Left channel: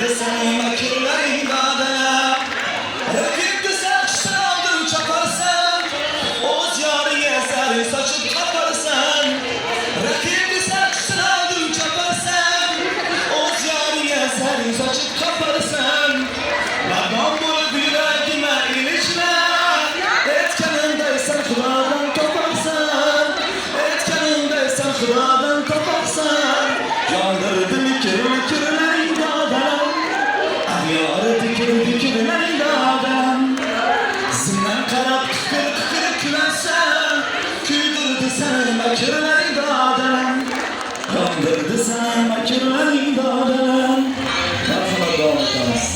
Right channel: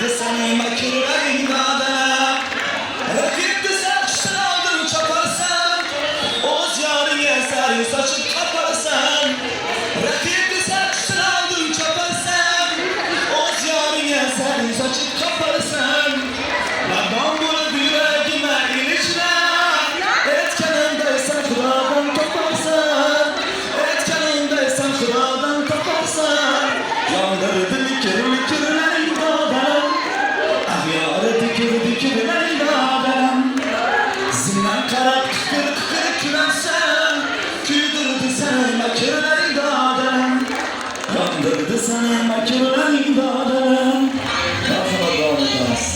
Yandırdı seni makirlerin dadana. Rakip güzel kışın aldın çaparsan, Oğuz yarı yeser saçıp kaparsan. Rakip güzel kışın aldın çaparsan, Oğuz yarı yeser saçıp kaparsan. Ladan bunu yüreğime ilişme, etkenindeysen Xudadan toparsan. Etkenindeysen Xudadan toparsan. Yandırdı mikirlerin dadana. Ahyarı dikirlerin dadana. Zindan karab kıkır külensen, küydürdü sen makirlerin dadana. Yandırdı sen makirlerin dadana. Daha sonra devam ederiz.